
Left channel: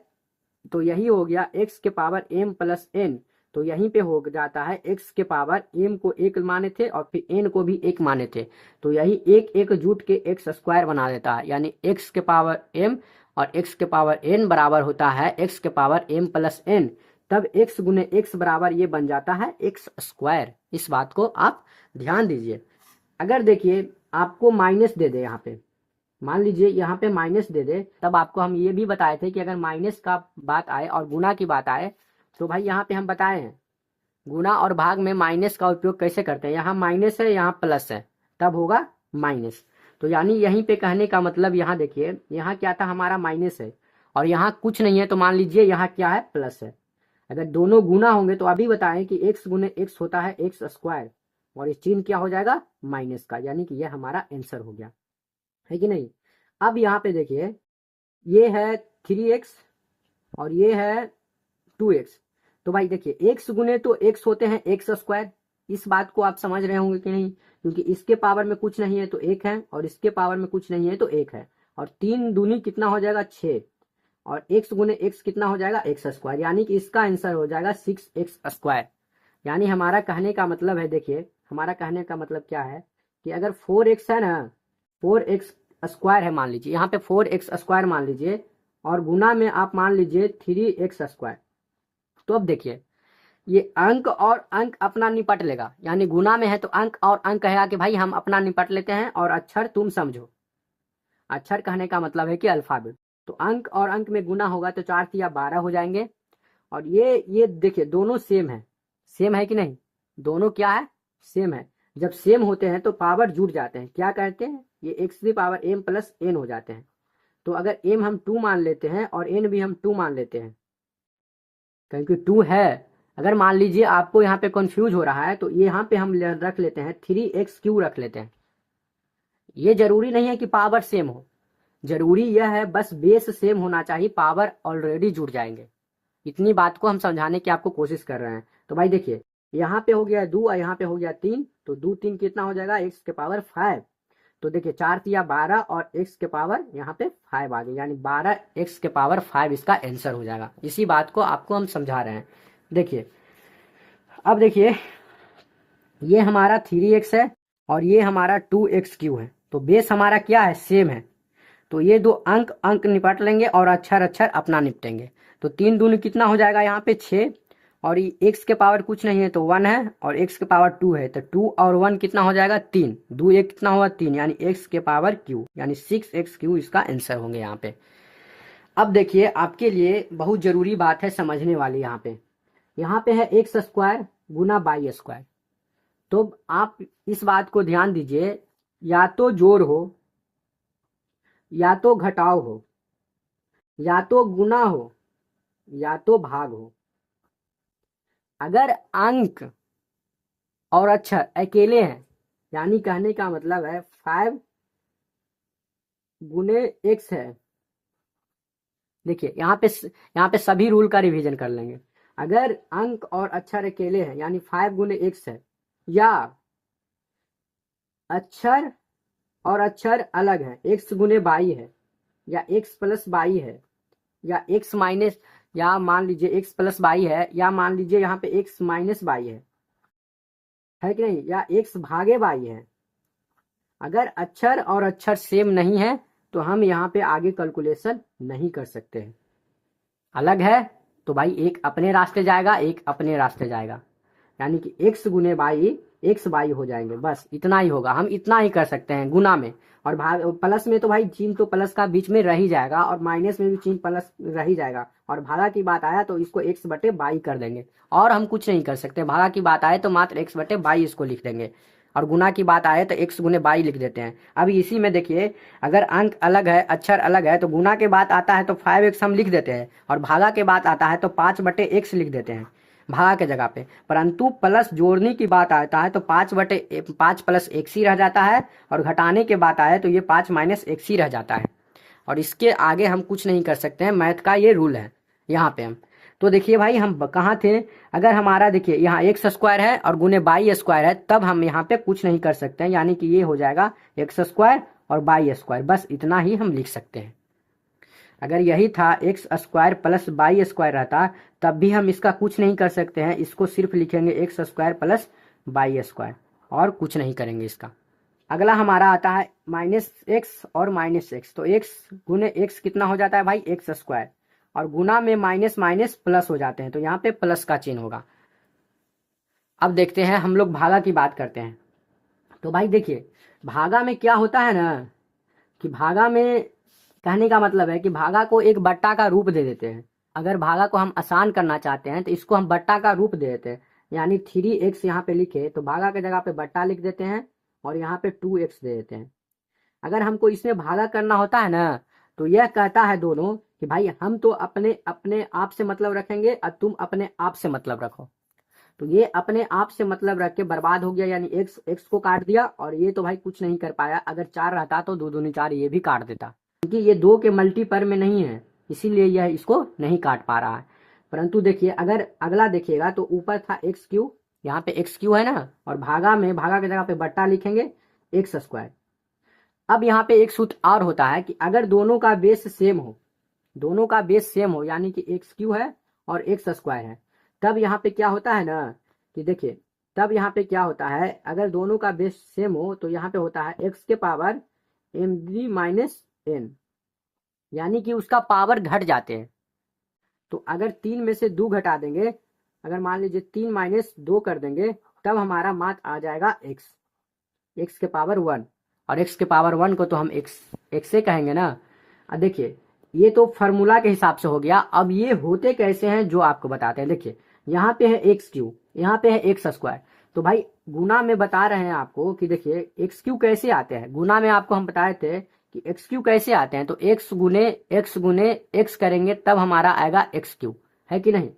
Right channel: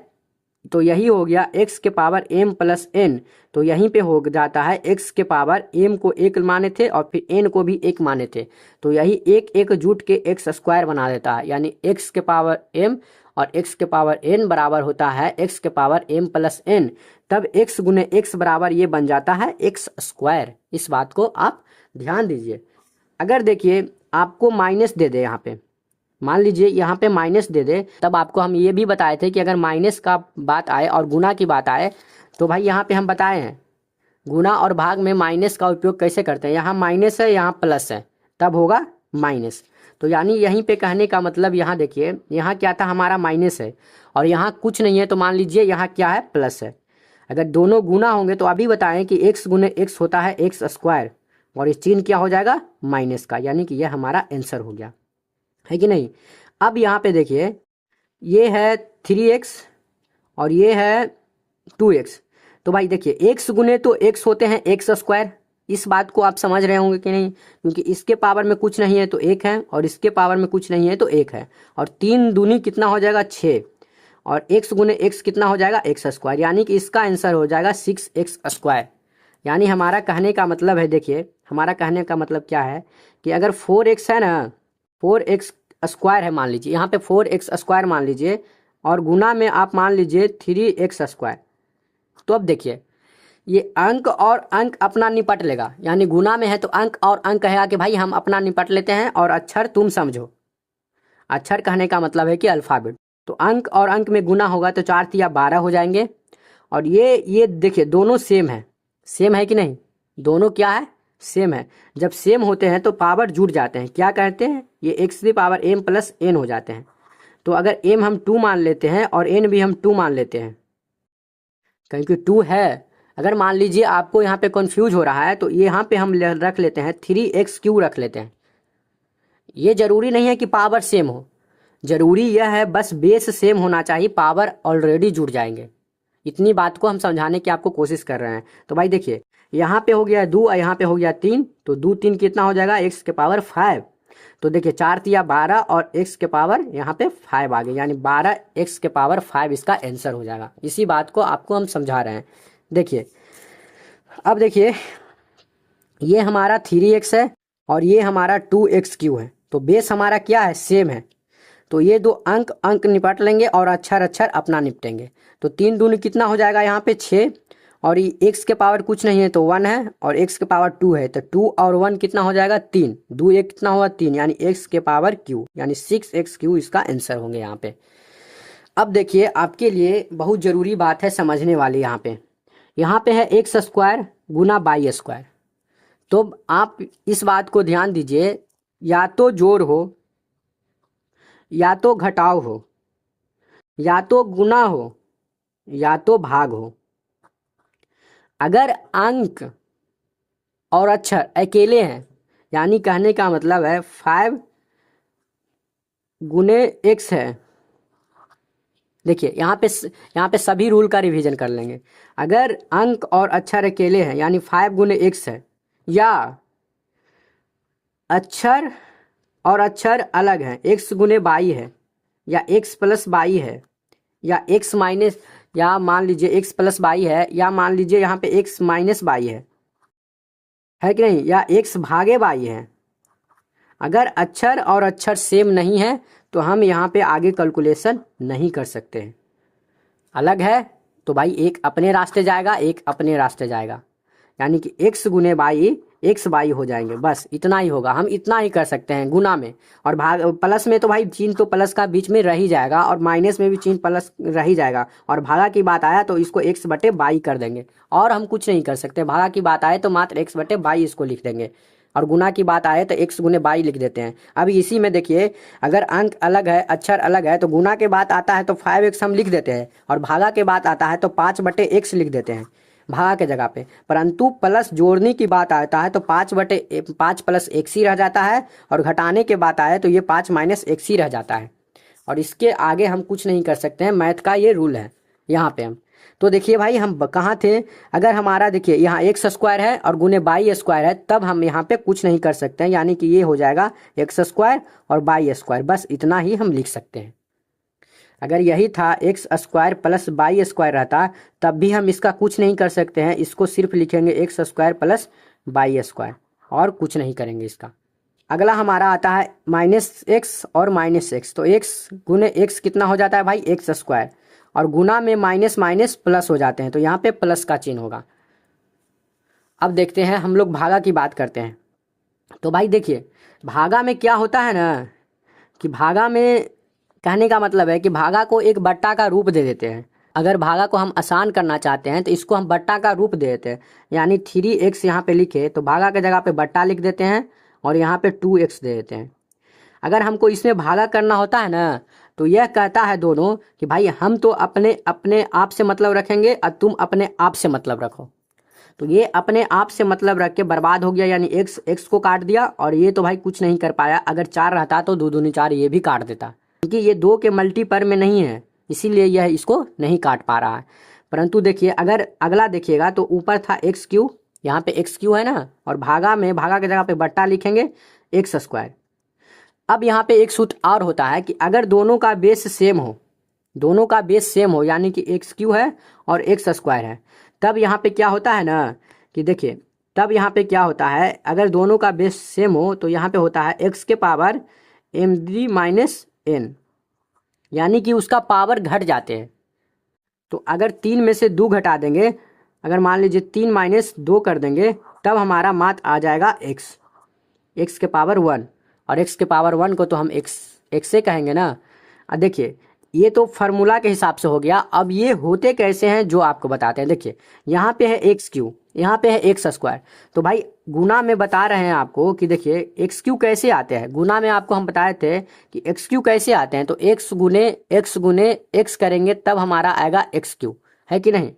तो यही हो गया x के पावर m प्लस n, तो यहीं पे हो जाता है x के पावर m को एक माने थे और फिर n को भी एक माने थे, तो यही एक एक जुट के x स्क्वायर बना देता है, यानी x के पावर m और x के पावर n बराबर होता है x के पावर m प्लस n। तब x गुने x बराबर ये बन जाता है x स्क्वायर। इस बात को आप ध्यान दीजिए। अगर देखिए आपको माइनस दे दे, यहाँ पे मान लीजिए यहाँ पे माइनस दे दे, तब आपको हम ये भी बताए थे कि अगर माइनस का बात आए और गुना की बात आए तो भाई यहाँ पे हम बताए हैं गुना और भाग में माइनस का उपयोग कैसे करते हैं। यहाँ माइनस है, यहाँ प्लस है, तब होगा माइनस। तो यानी यहीं पे कहने का मतलब, यहाँ देखिए यहाँ क्या था, हमारा माइनस है और यहाँ कुछ नहीं है, तो मान लीजिए यहाँ क्या है, प्लस है। अगर दोनों गुना होंगे तो अभी बताएं कि x गुने x होता है x स्क्वायर और इस चिन्ह क्या हो जाएगा, माइनस का, यानी कि यह हमारा आंसर हो गया, है कि नहीं। अब यहाँ पे देखिए ये है 3x और ये है 2x, तो भाई देखिए x गुने तो x होते हैं x स्क्वायर। इस बात को आप समझ रहे होंगे कि नहीं, क्योंकि इसके पावर में कुछ नहीं है तो एक है और इसके पावर में कुछ नहीं है तो एक है, और 3 दूनी कितना हो जाएगा 6, और x गुने x कितना हो जाएगा x स्क्वायर, यानी कि इसका आंसर हो जाएगा 6x स्क्वायर। यानी हमारा कहने का मतलब है, देखिए हमारा कहने का मतलब क्या है कि अगर 4x है ना, 4x स्क्वायर है मान लीजिए, यहाँ पे 4x स्क्वायर मान लीजिए और गुना में आप मान लीजिए 3x स्क्वायर, तो अब देखिए ये अंक और अंक अपना निपट लेगा, यानी गुना में है तो अंक और अंक कहेगा कि भाई हम अपना निपट लेते हैं और अक्षर तुम समझो। अक्षर कहने का मतलब है कि अल्फाबेट, तो अंक और अंक में गुना होगा तो 4 तिया 12 हो जाएंगे। और ये देखिए दोनों सेम है, सेम है कि नहीं, दोनों क्या है, सेम है। जब सेम होते हैं तो पावर जुड़ जाते हैं, क्या कहते हैं, ये x की पावर m प्लस n हो जाते हैं। तो अगर m हम 2 मान लेते हैं और n भी हम 2 मान लेते हैं, क्योंकि 2 है। अगर मान लीजिए आपको यहाँ पे कंफ्यूज हो रहा है तो यहाँ पे हम रख लेते हैं 3x³ रख लेते हैं। ये जरूरी नहीं है कि पावर सेम हो, जरूरी यह है बस बेस सेम होना चाहिए, पावर ऑलरेडी जुड़ जाएंगे। इतनी बात को हम समझाने की आपको कोशिश कर रहे हैं। तो भाई देखिए यहाँ पे हो गया 2 और यहाँ पे हो गया 3, तो 2 3 कितना हो जाएगा x के पावर 5। तो देखिए 4 तिया 12 और x के पावर यहाँ पे 5 आ गए, यानी 12 x के पावर 5 इसका आंसर हो जाएगा। इसी बात को आपको हम समझा रहे हैं। देखिए अब देखिए ये हमारा 3x है और ये हमारा 2x³ है, तो बेस हमारा क्या है, सेम है। तो ये दो अंक अंक निपट लेंगे और अक्षर अक्षर अपना निपटेंगे। तो 3 दूनी कितना हो जाएगा यहाँ पे 6, और ये एक्स के पावर कुछ नहीं है तो 1 है, और एक्स के पावर 2 है, तो 2 और 1 कितना हो जाएगा 3, 2 1 कितना हुआ 3, यानी एक्स के पावर क्यू, यानी 6x³ इसका आंसर होंगे यहाँ पे। अब देखिए आपके लिए बहुत ज़रूरी बात है समझने वाली, यहाँ पे है x square Guna by square. तो आप इस बात को ध्यान दीजिए, या तो जोड़ हो, या तो घटाव हो, या तो गुना हो, या तो भाग हो। अगर अंक और अक्षर अकेले हैं, यानी कहने का मतलब है 5 गुने एक्स है। देखिए यहाँ पे सभी रूल का रिवीजन कर लेंगे। अगर अंक और अक्षर अकेले हैं यानी 5 गुने एक्स है, या अक्षर और अक्षर अलग हैं, एक्स गुने बाई है, या एक्स प्लस बाई है, या एक्स माइनस, या मान लीजिए एक्स प्लस बाई है, या मान लीजिए यहाँ पे एक्स माइनस बाई है कि नहीं, या एक्स भागे बाई है। अगर अक्षर और अक्षर सेम नहीं है तो हम यहाँ पे आगे कैलकुलेशन नहीं कर सकते हैं। अलग है तो भाई एक अपने रास्ते जाएगा, एक अपने रास्ते जाएगा, यानी कि एक्स गुने बाई एक्स बाई हो जाएंगे, बस इतना ही होगा। हम इतना ही कर सकते हैं गुना में। और भाग प्लस में तो भाई चिन्ह तो प्लस का बीच में रह ही जाएगा, और माइनस में भी चिन्ह प्लस रह ही जाएगा। और भागा की बात आया तो इसको एक्स बटे बाई कर देंगे, और हम कुछ नहीं कर सकते। भागा की बात आए तो मात्र एक्स बटे बाई इसको लिख देंगे, और गुना की बात आए तो एक्स गुने बाई लिख देते हैं। अब इसी में देखिए, अगर अंक अलग है अक्षर अलग है तो गुना के बात आता है तो 5x हम लिख देते हैं, और भागा के बात आता है तो 5 बटे x लिख देते हैं भागा के जगह पे। परंतु प्लस जोड़ने की बात आता है तो 5 प्लस x ही रह जाता है, और घटाने के बात आए तो ये 5 माइनस x ही रह जाता है। और इसके आगे हम कुछ नहीं कर सकते हैं, मैथ का ये रूल है यहाँ पे हम। तो देखिए भाई हम कहाँ थे, अगर हमारा देखिए यहाँ एक्स स्क्वायर है और गुने बाई स्क्वायर है, तब हम यहाँ पे कुछ नहीं कर सकते हैं, यानी कि ये हो जाएगा एक्स स्क्वायर और बाई स्क्वायर, बस इतना ही हम लिख सकते हैं। अगर यही था x square plus by square रहता तब भी हम इसका कुछ नहीं कर सकते हैं, इसको सिर्फ लिखेंगे x square plus by square, और कुछ नहीं करेंगे इसका। अगला हमारा आता है माइनस एक्स और माइनस एक्स। तो एक्स गुने एक्स कितना हो जाता है भाई एक्स स्क्वायर, और गुना में माइनस माइनस प्लस हो जाते हैं, तो यहाँ पे प्लस का चिन्ह होगा। अब देखते हैं हम लोग भागा की बात करते हैं। तो भाई देखिए भागा में क्या होता है ना, कि भागा में कहने का मतलब है कि भागा को एक बट्टा का रूप दे देते हैं। अगर भागा को हम आसान करना चाहते हैं तो इसको हम बट्टा का रूप दे देते हैं, यानी 3x यहाँ पे लिखे तो भागा के जगह पे बट्टा लिख देते हैं, और यहाँ पे 2x दे देते हैं। अगर हमको इसमें भागा करना होता है ना, तो यह कहता है दोनों कि भाई हम तो अपने अपने आप से मतलब रखेंगे और तुम अपने आप से मतलब रखो। तो ये अपने आप से मतलब रख के बर्बाद हो गया, यानी एक्स को काट दिया, और ये तो भाई कुछ नहीं कर पाया। अगर 4 रहता तो 2 दूनी 4 ये भी काट देता, क्योंकि ये 2 के मल्टीपर में नहीं है, इसीलिए यह इसको नहीं काट पा रहा है। परंतु देखिए अगर अगला देखिएगा तो ऊपर था x³, यहाँ पे x³ है ना, और भागा के जगह पे बट्टा लिखेंगे एक्स स्क्वायर। अब यहाँ पे एक सूत्र और होता है कि अगर दोनों का बेस सेम हो, यानी कि x³ है और एक्स स्क्वायर है, तब यहाँ पे क्या होता है ना कि देखिए, तब यहाँ पे क्या होता है, अगर दोनों का बेस सेम हो तो यहाँ पे होता है x के पावर md माइनस n, यानी कि उसका पावर घट जाते हैं। तो अगर 3 में से 2 घटा देंगे, अगर मान लीजिए 3 माइनस 2 कर देंगे, तब हमारा मात आ जाएगा x के पावर 1, और x के पावर 1 को तो हम x से कहेंगे ना। अब देखिए ये तो फार्मूला के हिसाब से हो गया। अब ये होते कैसे हैं जो आपको बताते हैं। देखिए यहाँ पे है x³, यहाँ पे है एक्स स्क्वायर, तो भाई गुना में बता रहे हैं आपको कि देखिए x³ कैसे आते हैं। गुना में आपको हम बताए थे कि x³ कैसे आते हैं, तो x गुने x करेंगे तब हमारा आएगा x³ है कि नहीं।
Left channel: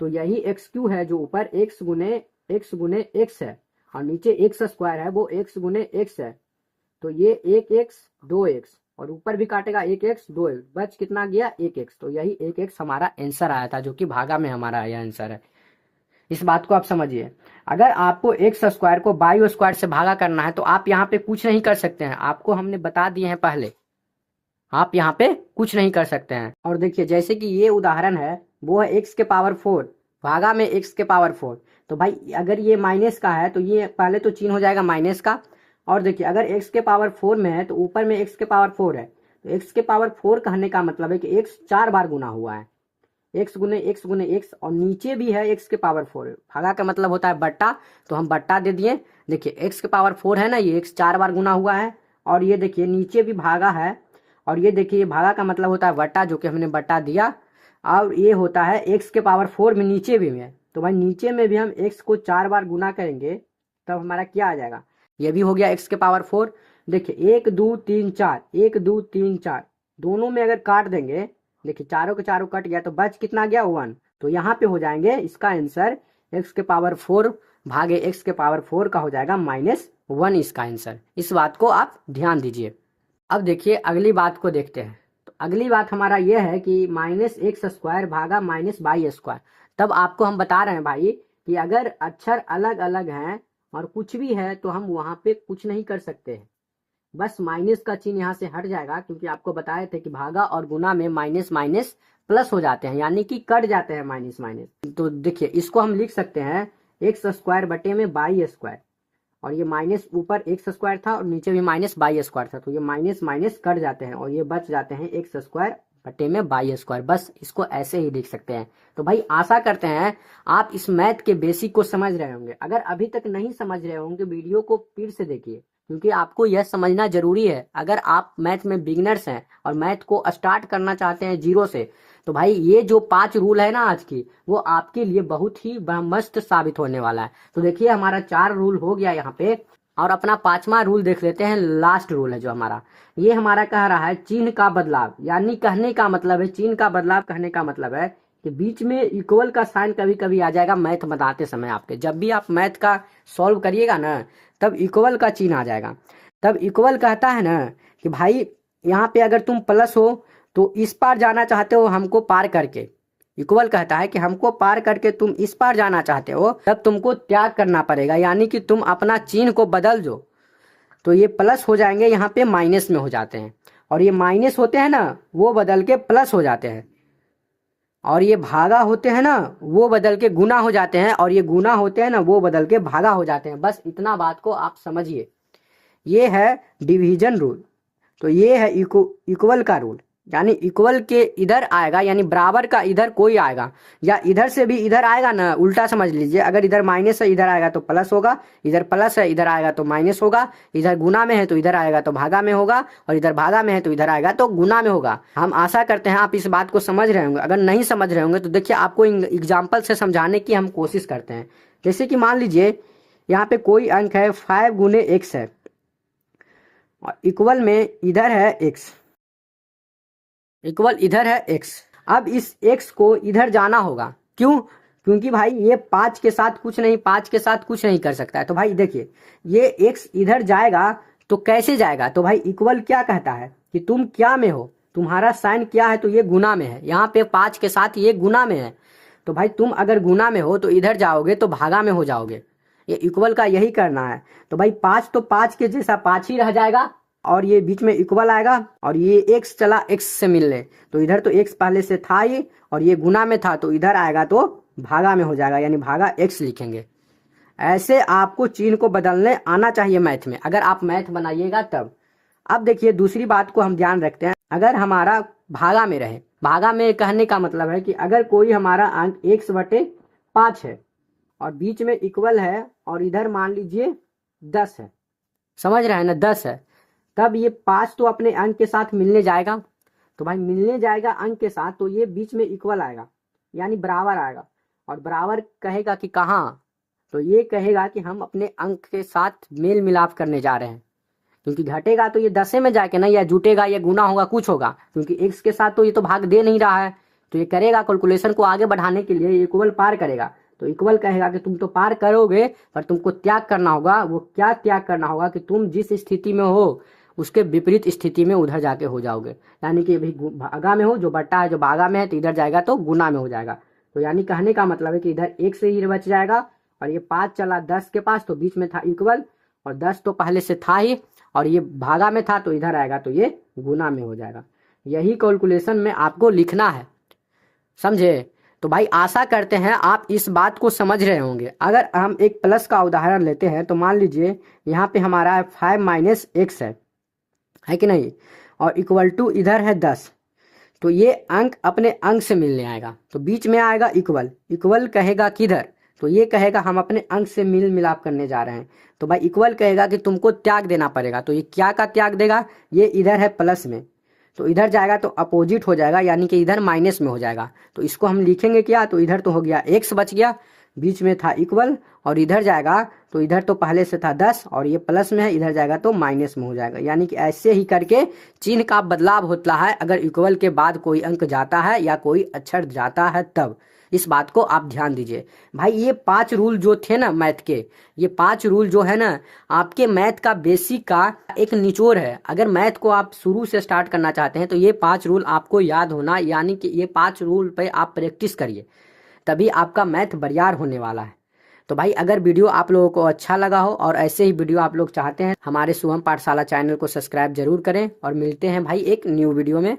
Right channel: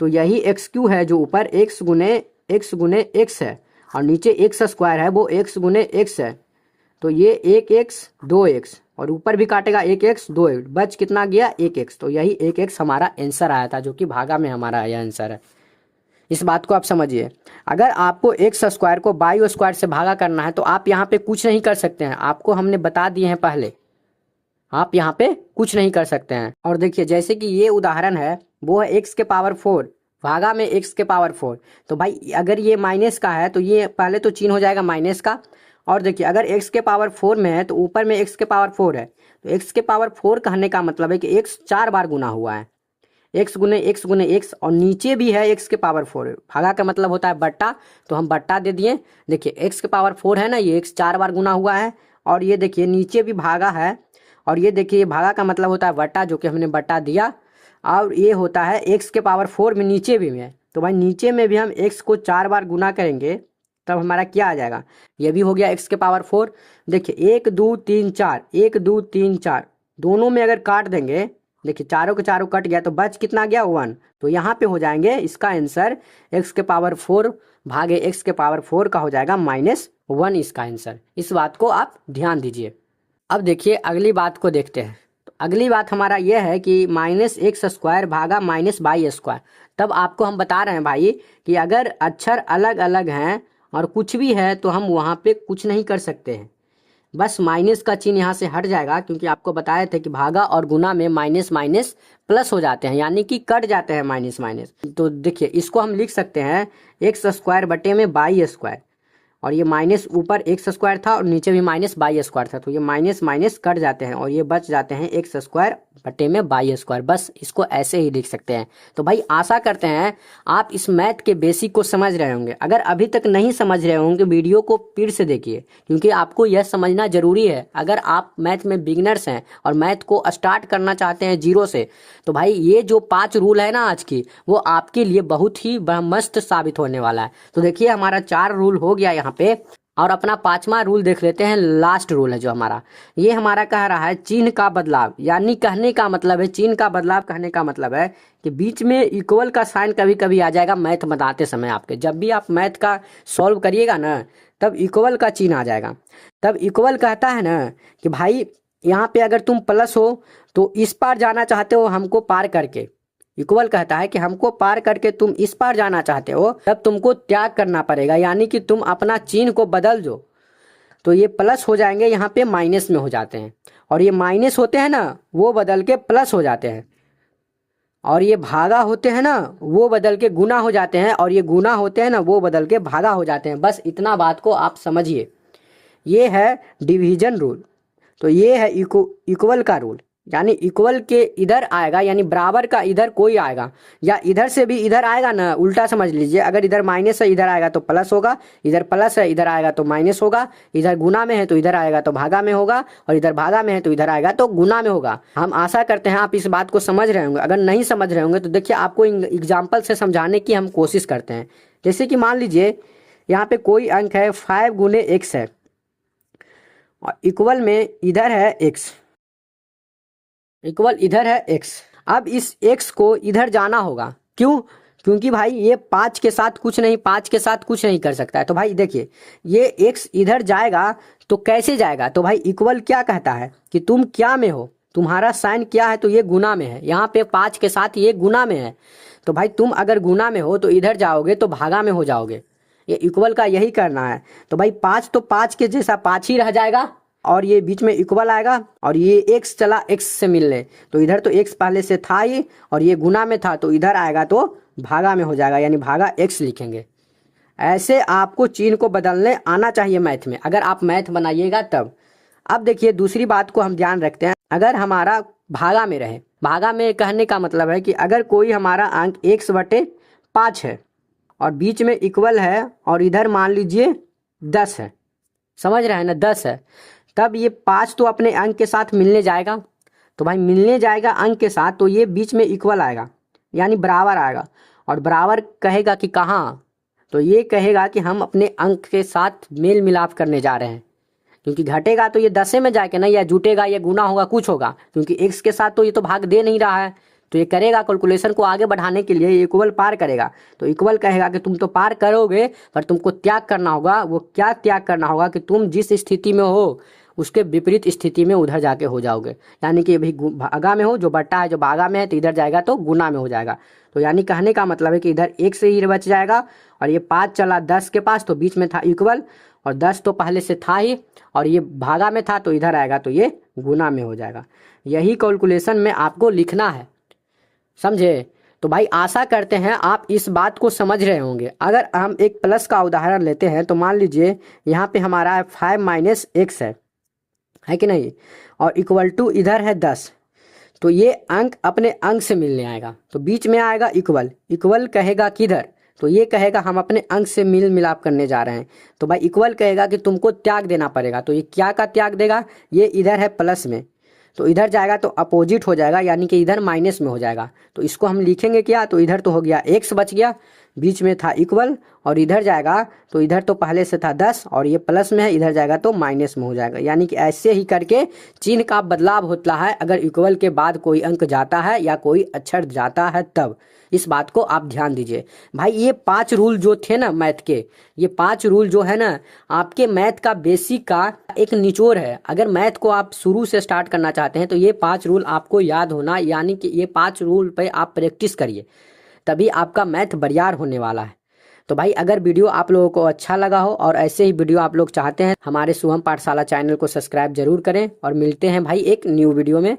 तो यही x³ है जो ऊपर x गुने x है, और नीचे एक्स स्क्वायर है वो x गुने x है। तो ये 1x 2x, और ऊपर भी काटेगा 1x 2x, बच कितना गया 1x। तो यही 1x हमारा आंसर आया था, जो कि भागा में हमारा यह आंसर है। इस बात को आप समझिए। अगर आपको एक्स स्क्वायर को बाई स्क्वायर से भागा करना है तो आप यहाँ पे कुछ नहीं कर सकते हैं, आपको हमने बता दिए हैं पहले, आप यहाँ पे कुछ नहीं कर सकते हैं। और देखिए जैसे कि ये उदाहरण है, वो है एक्स के पावर 4 भागा में एक्स के पावर 4। तो भाई अगर ये माइनस का है तो ये पहले तो चिन्ह हो जाएगा माइनस का, और देखिए अगर x के पावर 4 में है तो ऊपर में x के पावर 4 है, तो x के पावर 4 कहने का मतलब है कि x 4 बार गुना हुआ है, x गुने x, और नीचे भी है x के पावर 4 है। भागा का मतलब होता है बट्टा, तो हम बट्टा दे दिए। देखिए x के पावर 4 है ना, ये x 4 बार गुना हुआ है, और ये देखिए नीचे भी भागा है, और ये देखिए भागा का मतलब होता है बट्टा, जो कि हमने बट्टा दिया। और ये होता है x के पावर 4 में नीचे भी में, तो भाई नीचे में भी हम x को 4 बार गुना करेंगे तब हमारा क्या आ जाएगा, ये भी हो गया x के पावर 4। देखिए 1 2 3 4, 1 2 3 4, दोनों में अगर काट देंगे, देखिए चारों के चारों कट गया तो बच कितना गया 1, तो यहाँ पे हो जाएंगे इसका आंसर x के पावर 4 भागे x के पावर 4 का हो जाएगा -1 इसका आंसर। इस बात को आप ध्यान दीजिए। अब देखिए अगली बात को देखते हैं। तो अगली बात हमारा यह है कि -x² भागा -y²। तब आपको हम बता रहे हैं भाई कि अगर अक्षर अलग अलग हैं और कुछ भी है तो हम वहाँ पे कुछ नहीं कर सकते हैं, बस माइनस का चिन्ह यहाँ से हट जाएगा, क्योंकि आपको बताए थे कि भागा और गुना में माइनस माइनस प्लस हो जाते हैं, यानी कि कट जाते हैं माइनस माइनस। तो देखिए इसको हम लिख सकते हैं x² बटे में y², और ये माइनस ऊपर x² था और नीचे भी -y² था, तो ये माइनस माइनस कट जाते हैं और ये बच जाते हैं x² बटे में y²। बस इसको ऐसे ही लिख सकते हैं। तो भाई आशा करते हैं आप इस मैथ के बेसिक को समझ रहे होंगे। अगर अभी तक नहीं समझ रहे होंगे वीडियो को फिर से देखिए, क्योंकि आपको यह समझना जरूरी है। अगर आप मैथ में बिगिनर्स हैं और मैथ को स्टार्ट करना चाहते हैं जीरो से, तो भाई ये जो 5 रूल है ना आज की, वो आपके लिए बहुत ही मस्त साबित होने वाला है। तो देखिए हमारा 4 रूल हो गया यहाँ पे, और अपना 5वां रूल देख लेते हैं। लास्ट रूल है जो हमारा, ये हमारा कह रहा है चिन्ह का बदलाव, यानी कहने का मतलब है चिन्ह का बदलाव, कहने का मतलब है कि बीच में इक्वल का साइन कभी कभी आ जाएगा मैथ बताते समय। आपके जब भी आप मैथ का सॉल्व करिएगा ना, तब इक्वल का चिन्ह आ जाएगा। तब इक्वल कहता है ना कि भाई यहाँ पे अगर तुम प्लस हो तो इस पार जाना चाहते हो हमको पार करके, इक्वल कहता है कि हमको पार करके तुम इस पार जाना चाहते हो, तब तुमको त्याग करना पड़ेगा, यानी कि तुम अपना चिन्ह को बदल दो। तो ये प्लस हो जाएंगे यहाँ पे माइनस में हो जाते हैं, और ये माइनस होते हैं ना वो बदल के प्लस हो जाते हैं, और ये भागा होते हैं ना वो बदल के गुना हो जाते हैं, और ये गुना होते हैं ना वो बदल के भागा हो जाते हैं। बस इतना बात को आप समझिए। ये है डिवीजन रूल। तो ये है इक्वल का रूल, यानी इक्वल के इधर आएगा, यानी बराबर का इधर कोई आएगा, या इधर से भी इधर आएगा ना, उल्टा समझ लीजिए। अगर इधर माइनस है इधर आएगा तो प्लस होगा, इधर प्लस है इधर आएगा तो माइनस होगा, इधर गुना में है तो इधर आएगा तो भागा में होगा, और इधर भागा में है तो इधर आएगा तो गुना में होगा। हम आशा करते हैं आप इस बात को समझ रहे होंगे। अगर नहीं समझ रहे होंगे तो देखिए आपको एग्जाम्पल से समझाने की हम कोशिश करते हैं। जैसे कि मान लीजिए यहाँ पे कोई अंक है 5 गुने x है, और इक्वल में इधर है x, इक्वल इधर है x। अब इस x को इधर जाना होगा, क्यों? क्योंकि भाई ये 5 के साथ कुछ नहीं, 5 के साथ कुछ नहीं कर सकता है। तो भाई देखिए ये x इधर जाएगा तो कैसे जाएगा? तो भाई इक्वल क्या कहता है कि तुम क्या में हो, तुम्हारा साइन क्या है, तो ये गुना में है। यहाँ पे 5 के साथ ये गुना में है, तो भाई तुम अगर गुना में हो तो इधर जाओगे तो भागा में हो जाओगे। ये इक्वल का यही करना है। तो भाई 5 तो 5 के जैसा 5 ही रह जाएगा, और ये बीच में इक्वल आएगा, और ये x चला x से मिलने, तो इधर तो x पहले से था ही, और ये गुना में था तो इधर आएगा तो भागा में हो जाएगा, यानी भागा x लिखेंगे। ऐसे आपको चिन्ह को बदलने आना चाहिए मैथ में, अगर आप मैथ बनाइएगा तब। अब देखिए दूसरी बात को हम ध्यान रखते हैं। अगर हमारा भागा में रहे, भागा में कहने का मतलब है कि अगर कोई हमारा अंक x/5 है और बीच में इक्वल है, और इधर मान लीजिए 10 है, समझ रहे हैं ना, 10 है, तब ये 5 तो अपने अंक के साथ मिलने जाएगा। तो भाई मिलने जाएगा अंक के साथ, तो ये बीच में इक्वल आएगा, यानी बराबर आएगा। और बराबर कहेगा कि कहाँ? तो ये कहेगा कि हम अपने अंक के साथ मेल मिलाप करने जा रहे हैं, क्योंकि घटेगा तो ये 10 में जाके ना, या जुटेगा या गुना होगा, कुछ होगा, क्योंकि x के साथ तो ये तो भाग दे नहीं रहा है। तो ये करेगा कैलकुलेशन को आगे बढ़ाने के लिए इक्वल पार करेगा। तो इक्वल कहेगा कि तुम तो पार करोगे, पर तुमको त्याग करना होगा। वो क्या त्याग करना होगा? कि तुम जिस स्थिति में हो उसके विपरीत स्थिति में उधर जाके हो जाओगे, यानी कि अभी भागा में हो, जो बट्टा है जो भागा में है, तो इधर जाएगा तो गुना में हो जाएगा। तो यानी कहने का मतलब है कि इधर एक से ही बच जाएगा, और ये 5 चला 10 के पास, तो बीच में था इक्वल, और 10 तो पहले से था ही, और ये भागा में था तो इधर आएगा तो ये गुना में हो जाएगा। यही कैलकुलेशन में आपको लिखना है, समझे? तो भाई आशा करते हैं आप इस बात को समझ रहे होंगे। अगर हम एक प्लस का उदाहरण लेते हैं तो मान लीजिए यहाँ पे हमारा है 5 - x है कि नहीं, और इक्वल टू इधर है 10। तो ये अंक अपने अंक से मिलने आएगा, तो बीच में आएगा इक्वल। इक्वल कहेगा किधर, तो ये कहेगा हम अपने अंक से मिल मिलाप करने जा रहे हैं। तो भाई इक्वल कहेगा कि तुमको त्याग देना पड़ेगा। तो ये क्या का त्याग देगा, ये इधर है प्लस में, तो इधर जाएगा तो अपोजिट हो जाएगा, यानी कि इधर माइनस में हो जाएगा। तो इसको हम लिखेंगे क्या, तो इधर तो हो गया x बच गया, बीच में था इक्वल, और इधर जाएगा तो इधर तो पहले से था 10 और ये प्लस में है, इधर जाएगा तो माइनस में हो जाएगा। यानी कि ऐसे ही करके चिन्ह का बदलाव होता है अगर इक्वल के बाद कोई अंक जाता है या कोई अक्षर जाता है तब। इस बात को आप ध्यान दीजिए भाई। ये 5 रूल जो थे ना मैथ के, ये 5 रूल जो है ना आपके मैथ का बेसिक का एक निचोड़ है। अगर मैथ को आप शुरू से स्टार्ट करना चाहते हैं तो ये 5 रूल आपको याद होना, यानी कि ये 5 रूल पे आप प्रैक्टिस करिए, तभी आपका मैथ बरियार होने वाला है। तो भाई अगर वीडियो आप लोगों को अच्छा लगा हो और ऐसे ही वीडियो आप लोग चाहते हैं, हमारे शुभम पाठशाला चैनल को सब्सक्राइब जरूर करें, और मिलते हैं भाई एक न्यू वीडियो में।